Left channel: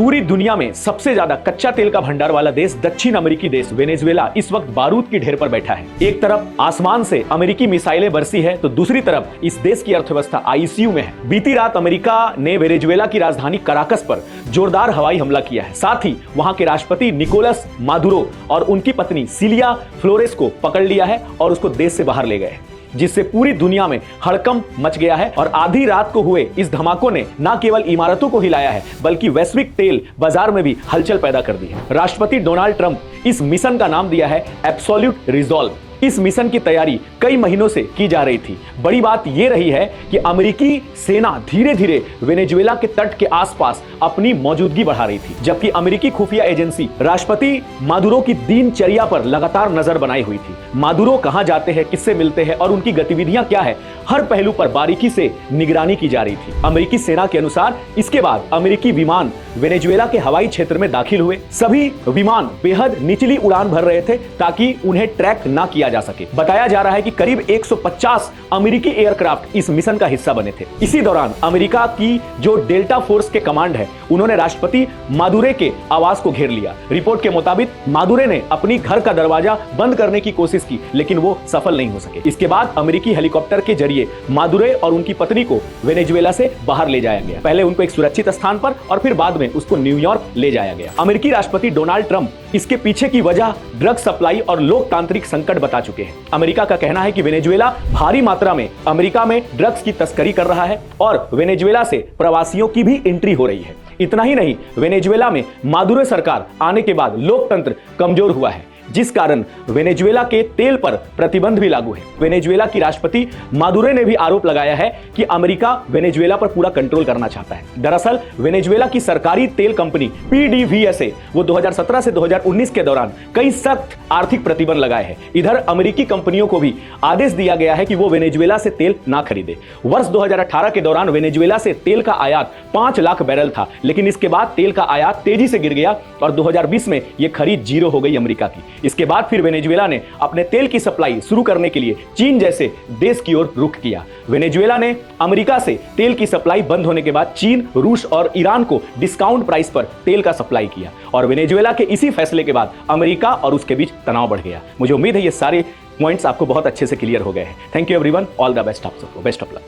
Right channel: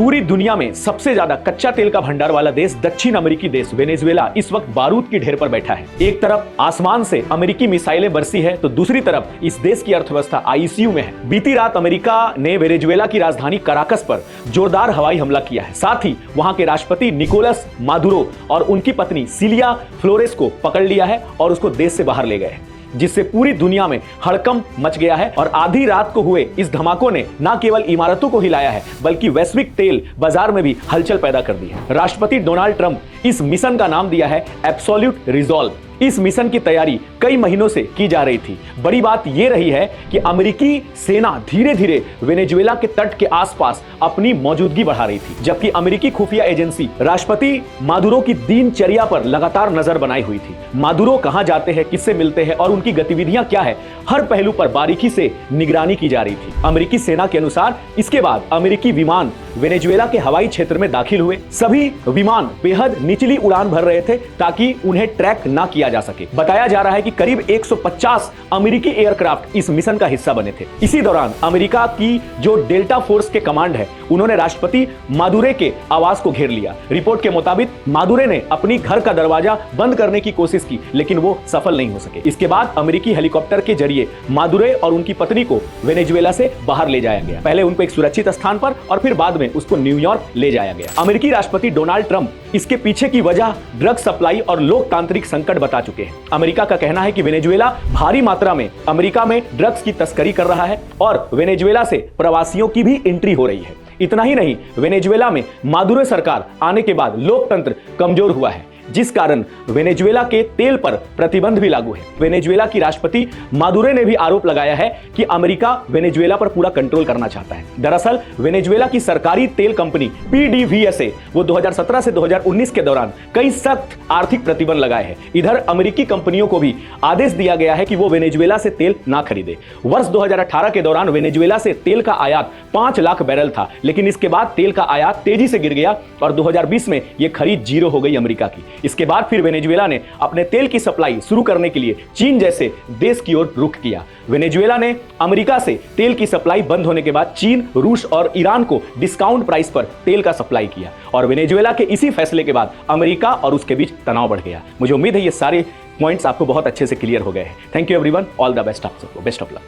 पूरी दुनिया में सबसे ज्यादा कच्चा तेल का भंडार वाला देश दक्षिण अमेरिकी देश वेनेजुएला इस वक्त बारूद की ढेर पर बैठा है। एक तरफ आसमान से अमेरिकी मिसाइलें बरसी है तो दूसरी तरफ इस देश की अर्थव्यवस्था आईसीयू में है। बीती रात अमेरिका ने वेनेजुएला की राजधानी कराकस पर जोरदार हवाई हमला किया है। साथ ही वहां के राष्ट्रपति निकोलस मादुरो और उनकी पत्नी सिलिया फ्लोरेस को पकड़ लिया है और उसको देश से बाहर ले गए हैं, जिससे पूरी दुनिया में हड़कंप मच गया है। और आधी रात को हुए इस धमाकों ने न केवल इमारतों को हिलाया है बल्कि वैश्विक तेल बाजार में भी हलचल पैदा कर दी है। राष्ट्रपति डोनाल्ड ट्रंप इस मिशन का नाम दिया है एब्सोल्यूट रिजॉल्व। इस मिशन की तैयारी कई महीनों से की जा रही थी। बड़ी बात यह रही है कि अमेरिकी सेना धीरे धीरे वेनेजुएला के तट के आसपास अपनी मौजूदगी बढ़ा रही थी, जबकि अमेरिकी खुफिया एजेंसी राष्ट्रपति मादुरो की दिनचर्या पर लगातार नजर बनाई हुई थी। मादुरो कहां जाते हैं, किससे मिलते हैं और उनकी गतिविधियां क्या है, हर पहलू पर बारीकी से निगरानी की जा रही थी। अमेरिकी सेना के अनुसार इसके बाद अमेरिकी विमान वेनेजुएला के हवाई क्षेत्र में दाखिल हुए। सभी विमान बेहद निचली उड़ान भर रहे थे ताकि उन्हें ट्रैक ना किया जा सके। बताया जा रहा है कि करीब 150 अमेरिकी एयरक्राफ्ट इस मिशन का हिस्सा बने थे। इसी दौरान अमेरिका की जो डेल्टा फोर्स के कमांड है, उन्होंने राष्ट्रपति मादुरे के आवास को घेर लिया। रिपोर्ट के मुताबिक मादुरे ने अपनी घर का दरवाजा बंद करने की कोशिश की, लेकिन वो सफल नहीं हो सके। इसके बाद अमेरिकी हेलीकॉप्टर के जरिए मादुरे और उनकी पत्नी को वेनेजुएला से बाहर ले जाया गया। पहले उनको एक सुरक्षित स्थान पर और फिर बाद में उसको न्यूयॉर्क ले जाया गया। अमेरिकी राष्ट्रपति डोनाल्ड ट्रंप इसके पीछे की वजह ड्रग सप्लाई और लोकतांत्रिक संकट बता चुके हैं। अमेरिका का कहना है कि वेनेजुएला भारी मात्रा में अमेरिका में ड्रग्स की तस्करी कर रहा है और वेनेजुएला से प्रवासियों की भी एंट्री हो रही है। इतना ही नहीं, वेनेजुएला में मादुरो सरकार आने के बाद लोकतंत्र कमजोर हुआ है, जिस कारण वेनेजुएला के तेल पर प्रतिबंध भी लागू है। वेनेजुएला की राष्ट्रपति मादुरो ने भी आरोप लगाया है कि अमेरिका वेनेजुएला पर पूरा कंट्रोल करना चाहता है। दरअसल वेनेजुएला की सरकारी तेल कंपनी पीडीवीएसए वो 2017 से 2019 के दौरान कई सख्त आर्थिक प्रतिबंध लगाए हैं। इधर अमेरिकी कंपनियों को भी आदेश दिया गया है कि वो वेनेजुएला से तेल ना खरीदें। वर्ष 2018 के दौरान वेनेजुएला से तेल का आयात 5 लाख बैरल था, लेकिन इसके बाद तेल का आयात तेजी से गिर गया और 2020 में यह खरीद 0 हो गई अमेरिका की। इसके बाद फिर वेनेजुएला ने अपने तेल की सप्लाई शुरू करने के लिए चीन जैसे देश की ओर रुख किया। वेनेजुएला ने अमेरिका से तेल की सप्लाई बंद होने के बाद चीन, रूस और ईरान को डिस्काउंट प्राइस पर तेल का सप्लाई किया और वेनेजुएला के इसी फैसले के बाद अमेरिका और उसके बीच तनाव बढ़ गया। मुझे उम्मीद है ये सारे पॉइंट्स आपको बहुत अच्छे से क्लियर हो गए हैं। Thank you everyone, all the best of luck.